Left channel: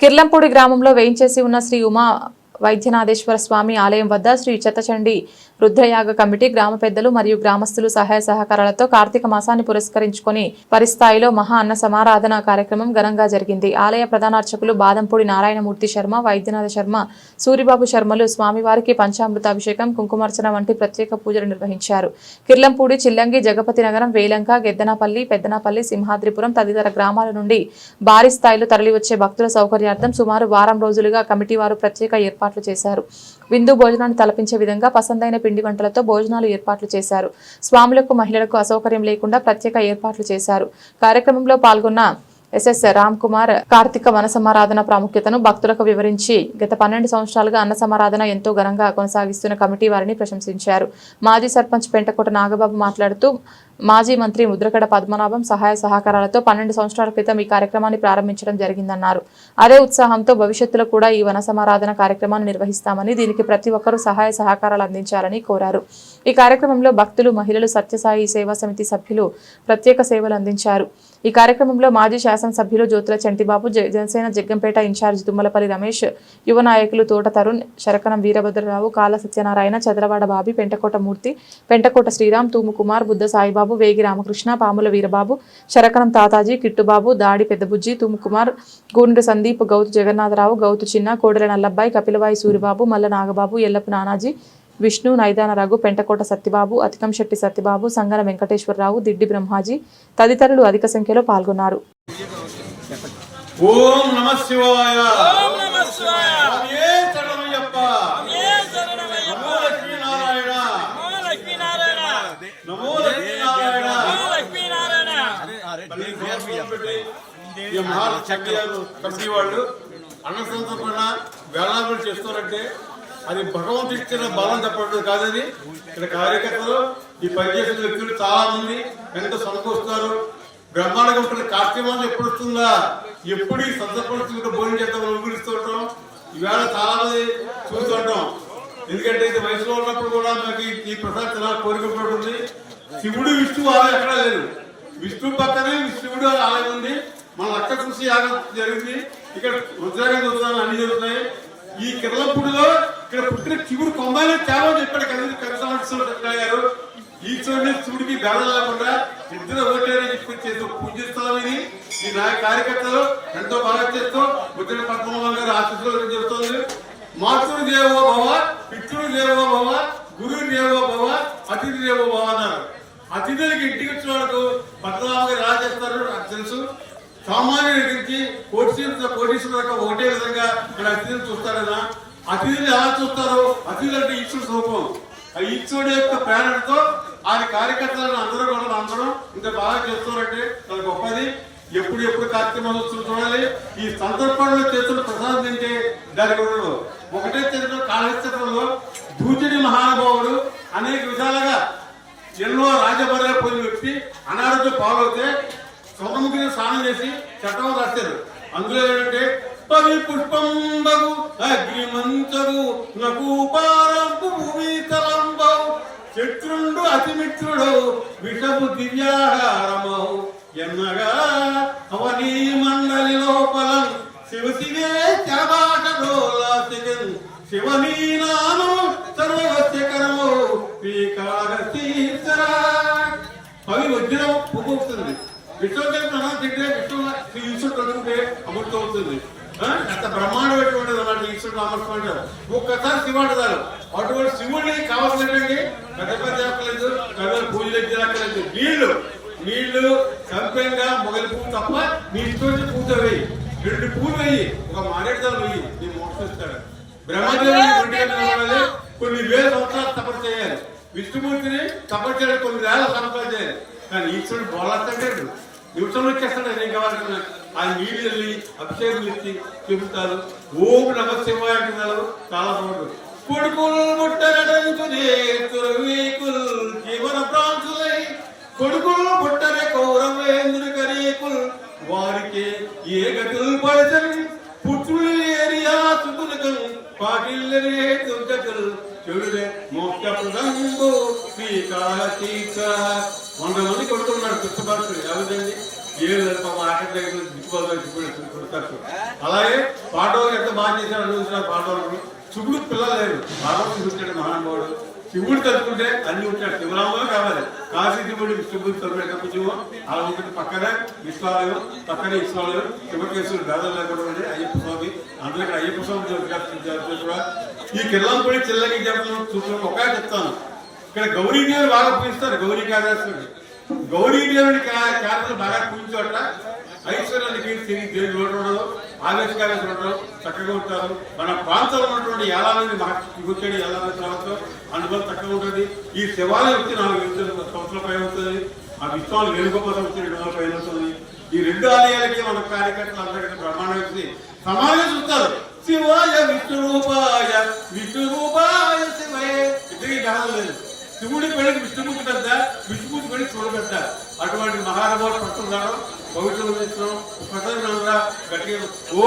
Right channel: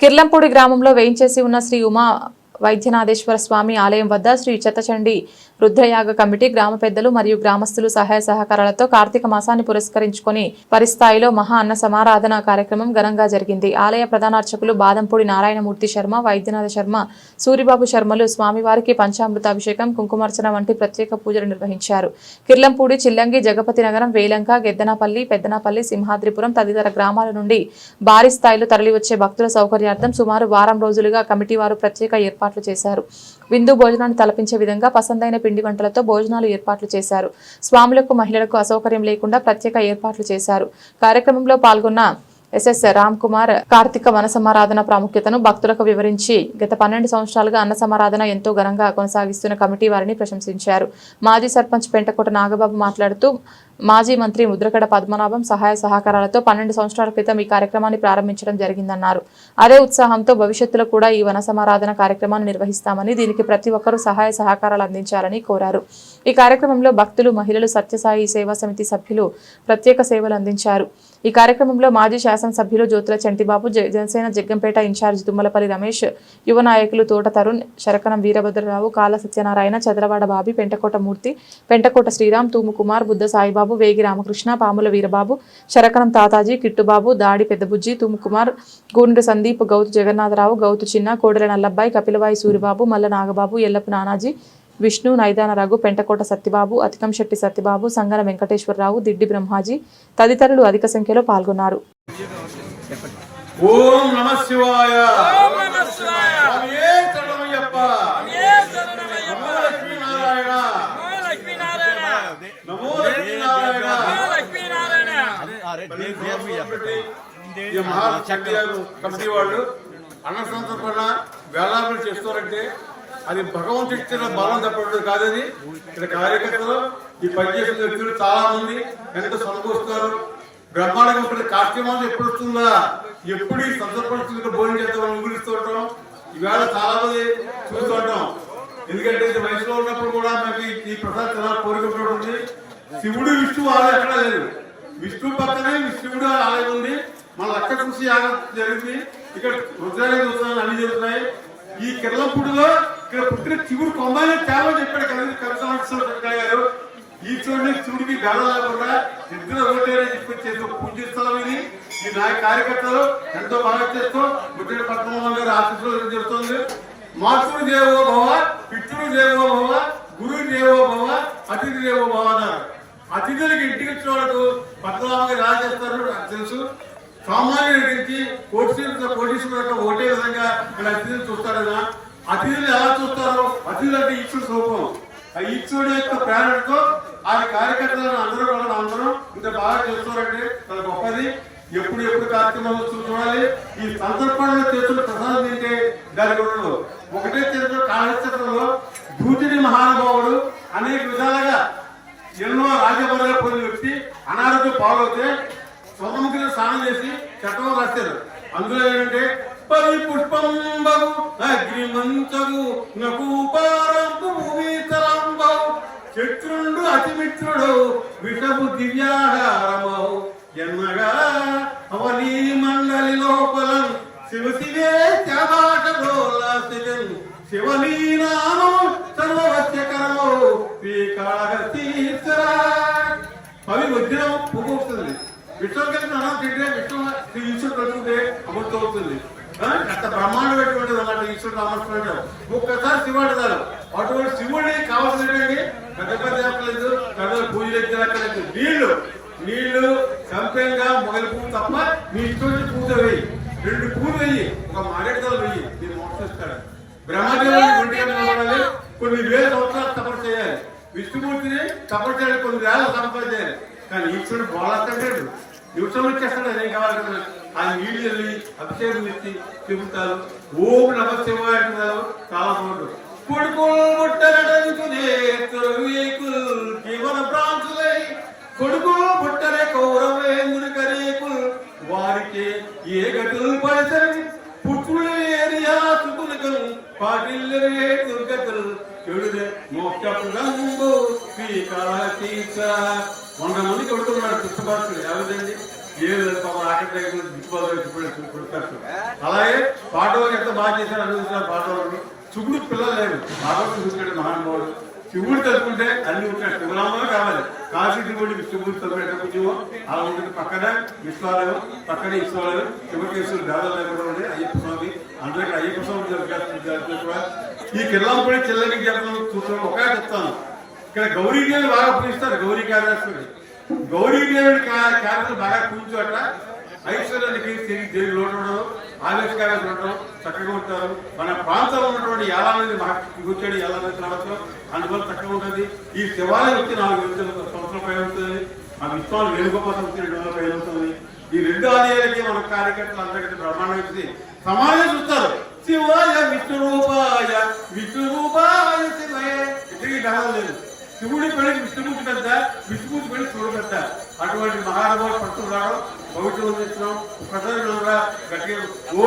కిర్లంపూడి గ్రామంలో వేయించేసి ఉన్న శ్రీ ఉమా వైద్యనాథేశ్వర స్వామి ఆలయం వద్ద శ్రీ చెత్తచండి రుద్రయాగ కమిటీ గ్రామ పెద్దలు మరియు గ్రామస్తులు సహాయ సహకారాలతో కార్తీక మాసాన్ని పురస్కరించుకొని పరిస్థాయిలో మహా అన్న సమారాధన కార్యక్రమం ఘనంగా జరిగింది. ఆలయ ప్రధానార్చకులు బాదంపూడి నారాయణమూర్తి శర్మ వైద్యనాథ శర్మ సూరిబాబు శర్మలు స్వామివారికి పంచామృతాభిషేకం కుంకుమార్చన వంటి ప్రత్యేక పూజలు నిర్వహించారు. కిర్లంపూడి చిల్లంగి జగపతి నగరం వేలంక గెద్దనపల్లి పెద్దనపల్లి సింహాద్రిపురం తదితర గ్రామాల నుండి భారీ స్థాయిలో తరలివచ్చే భక్తుల సౌకర్యార్థం సుమారు వారం రోజులుగా కమిటీ వారు ప్రత్యేక ఏర్పాట్లు చేశారు. విందు భోజనాన్ని తలపించే విధంగా పసందైన పిండి వంటలతో భోజనాలు ఏర్పాట్లు చేశారు. స్వాములకు మహిళలకు అసౌకర్యం లేకుండా ప్రత్యేక ఏర్పాట్లు చేశారు. కార్యక్రమంలో పాల్గొన్న ఎస్ఎస్ రామ్ కుమార్ కార్తీక వన సమారాధన ప్రాముఖ్యతను భక్తులకు వివరించి గత పన్నెండు సంవత్సరాలుగా అన్న సమారాధన ఎంతో ఘనంగా కొనసాగిస్తున్న కమిటీ వారిని ప్రశంసించారు. మాజీ సర్పంచ్ పెంటకోట నాగబాబు మాట్లాడుతూ మాజీ మంత్రి ముద్రగడ పద్మనాభం సహాయ సహకారాలతో పన్నెండు సంవత్సరాల క్రితం ఈ కార్యక్రమాన్ని ప్రారంభించడం జరిగిందన్నారు. అదే ఉత్సాహంతో భవిష్యత్తులో కూడా ఈ వన సమారాధన కార్యక్రమాన్ని నిర్వహిస్తామని దీనికి ప్రతి ఒక్కరూ సహాయ సహకారాలు అందించాలని కోరారు. ఈ కార్యక్రమంలో భక్తులు మహిళలు సత్యసాయి సేవా సమితి సభ్యులు ప్రత్యేక సేవలు అందించారు. ఈ కార్యక్రమంలో మాజీ శాసనసభ్యులు జ్యోతుల చంటిబాబు జనసేన జగ్గంపేట ఇన్ఛార్జ్ తుమ్మలపల్లి రమేష్ యువ నాయకులు తోట తరుణ్ శరకనం వీరభద్రరావు కాల సత్యనారాయణ చదరవాడ బాబి పెంటకోట మూర్తి పెంటకోట శ్రీరామ్ తూముకుమార్ బుద్ధ సాయిబాబు వేగి రామకృష్ణ పాముల వీరబాబు శరకనం తాతాజీ కిట్టుబాబు దాడి పెద్దబుజ్జి తూముకుమార్ కుమార్ సందీప్ గౌతు జగన్నాథరావు గౌతు చిన్న కోడెల నల్లబ్బాయి కపిలవాయి సూరిబాబు మల్ల నాగబాబు ఎల్లపు నానాజీ విష్ణు నైదాన రఘు పెంటకోట సత్యబాబు అతికంశెట్టి సత్యబాబు సంగన వెంకటేశ్వరరావు దిడ్డి బ్రహ్మాజీ తదితరులు అధిక సంఖ్యలో పాల్గొన్నారు. ఓం నమ శివాయ. ఈ మహాలక్ష్మి కమిటీ వాళ్ళు అన్న సంతర్పణ వేళాలు చేస్తారంటే అది భగవంతుడు ఇచ్చిన బలం తప్పడం కాదు అది ఇక్కడ కార్యకర్తలు ఈ పనిచేసిన వ్యక్తులు చాలా మంది ఎంతో సమకూరుస్తారు బ్రహ్మాండంగా ఉంటుంది. కార్తీక మాసం ఎప్పుడు వస్తుందా? ఎప్పుడు ఈ సందర్భంగా భోజనం చేద్దామని ఊగిస్తూ ఉంటాం. ఈవేళ చాలా మంది చూస్తూ ఉంటాం. ఎందుకంటే ఇది వయసులో ఉన్నప్పుడు కూడా మాకు ఈ- ప్రసాద్ చాలా కోరిక ఉంది శివుడు విష్ణువు ఆలయం ఎక్కడా లేదు. విష్ణు పక్కనే విష్ణువుడు ఆలయం ఉంది. మన లక్క కృషి యాగం జరిగింది. ఇక్కడ రుద్రాగం చూస్తున్నాను అన్ని జరుగుతున్నాయి. ఈ కిర్లపూడిలో ఇక్కడ పుట్టిన చిగురు కొమ్మాలి చాలా చెప్పాడు కలిసి కవిత గారు. ఈ చూడని చూడికి గడ లేకుండా ఇద్దరు ఓటేరని చెప్పి చేస్తూ పూజిస్తాం ఇది. ఈ నాయ కార్యకర్తలు ఎంతో బాగా చేస్తూ. ముద్ర పద్మనాభం గారు ఆశీస్సులు చెబుతోంది మాతృ దేవో భవ పితృ దేవో భవ గురు దేవో భవ అతిథి దేవో భవ అన్నారు. అతిథులకి ఇంటికి వచ్చిన వాళ్ళకు పద్మనాభం గారు ఎలా చేస్తారు నాకు తెలుసు. సామాన్యుడి నుంచి కోటి కోటీశ్వర ఒకటే విధంగా ఇక్కడ అతిథిని చూస్తారనా అతిథులు ఎలా చూస్తారు? అతిథులు అంటే ఈశ్వరుడు స్వరూపం ఆ ఈశ్వరుడు యొక్క ప్రేరణతో ఆయన కార్యకర్తలను అందరూ కూడా అందరూ ఇంత బాగా చేస్తారంటే చాలా గొప్పది. ఎప్పుడు ఎప్పుడు కార్తీక మహోత్సవం చూడాలి. ఈ సందర్భంలో చేతులు ప్రసాదం తింటే దాని గురించి ఒకటే చేతులు కాళహస్త్రంలో దూచుడి మహానుభావుడు అనేక విధాలుగా ఎన్నో రాజభరాలు పొంది వ్యక్తి అనారోగ్యం పాలవుతే సముద్రం స్నానం చేసి చట్టం రాశారు. అందులో ఏంటంటే పవి పుష్పం బగు నకూపారంపు భూమి తలంబవు శత్రుండు అతిమిత్రుడు విషపు దివ్యాహారమౌ ఎన్నగా అవనీ మండలి లోపలం శివ శివే చబాటోలాసికన్ శివనీ నామము సర్వవశ్యకరమో శ్రీకాళహస్తీశ్వర అవి వజ్రం పువ్వు వస్తుంది. విశ్వకల్పన అన్నం తింటే విశ్వ శ్రీ ఈశ్వరుడు కలుగుతుంటే అమృతం అవుతుంది అంత బ్రహ్మాండమైనటువంటి అన్నమాట ఈశ్వరుడు రామస్వామి ఒక్కసారి శివుడు చాలు అటువంటి శివుడిని కావాల్సినటువంటి పెద్ద పెద్ద చెప్పలేదు పెద్ద పూజలు ఎక్కలేదు నీళ్ళు నీళ్ళు కంపెంగా మొగలి పువ్వు తప్ప నీ ఇష్టం పూజ వేయి. రెండు పూలు వెయ్యి ఒక మారేడుదల వెయ్యి నీ మోక్షం ఇస్తాడు. బ్రహ్మదేవుని ఒంటిగా నిలబడాలి. కొన్ని వేల సంవత్సరాలు తపస్సు చేయాలి. విష్ణుమూర్తిని తపస్సు చేయాలి. కొన్ని వేల సంవత్సరాలు చేయాలి. కానీ ఈశ్వరుడు బోలాడు నిమిషంలో వచ్చేస్తాడు ఏం కావాలి ఆయన నీళ్ళు వెళ్ళి అభిషేకం ఇచ్చి చెబుతారు ఓం నమ శివాయ అంటున్నారు చాలా బాగుంటుంది కొడుకులు ముట్టనటంచునే జీవన ప్రాంతులై కొడుకులు పుట్టరే కౌరవేంద్ర కరేకుల్ వారికి ఏ గతులు పడతని పుత్రులు ఏరియా సుకులకల్ పాటిల్లరే చెడులే మోక్ష ప్రదంబు శ్రీకాళతీర్థ వంద మంది కొడుతున్నాడు కృష్ణభక్తుడు ఎవరిదండి ఏడు లేదు పాపం ఆఖరి దగ్గర దిక్కుబాటు కొడుతారు అలాగే పాటవాళ్ళు ఎంత బాగా చేశారు అడుగుతున్నారు పాటవాళ్ళు చుగుడు పిల్లలు లేరు. భగవంతుడు పుట్టాడు మహానుభావుడు. శివుడు తలుచుకుంటే అన్ని ఉంటాడు. శివరాములు కావాలి. కాశీ శివుడి శివుడు తలుపెట్టే కొంచెం అలా ఉంటుంది పక్కనే విశ్వాలయం పక్కనే విశ్వాలయం శివకేశ్వరుడు దాదాపు లేకుండా అయ్యప్ప స్వామి. అందరికీ అయ్యప్ప స్వామి జరుగుతుంది కూడా ఈ కిల్లంపూడి చిల్లకి చెప్తాను చూస్తాను ఒకే చెప్తాను. ఇక్కడ గౌరీదేవిని బాగా పూజిస్తారు గౌరీ కార్యస్తుడు గౌరీదేవిని క్యారెక్టర్ బాగా పూజించోట ఐశ్వర్యానికి తిరిగి దేవి లోటు ఉండదు? ఆవేశకార్యాలు ఉండడం చక్కగా ఉంటారు. మన ప్రాంతంలో ఉన్నటువంటి యాలాలని మహర్షి కూర్చొని యాలాలని ప్రభుత్వం అందువల్ల చక్కగా ఉంటుంది. ఈ శివాలయం వచ్చి నాలుగు వేల సంవత్సరాల పైన ఉంటుంది. ఆ విశ్వాలు వేణుగోపాలం వచ్చి రెండు వందల పైన ఉంటుంది. ఈ రెండు ఆలయాలకి మన కార్యకర్తలు అందరికీ బ్రహ్మాండం వచ్చి సమాజం చూస్తారు. శివాయ విష్ణురూపాయ విష్ణురూపాయ శివయ. ఇద్దరికి డాలం లేదు. శివుడి పెళ్ళికి విష్ణుమూర్తి పెద్ద విష్ణుమూర్తి పెళ్ళి చూడు పెద్ద. అటువంటి మహానుభావులు పట్టుకున్నారు. పవిత్రం చేస్తున్నాం ప్రజలందరూ గట్టిగా ఓ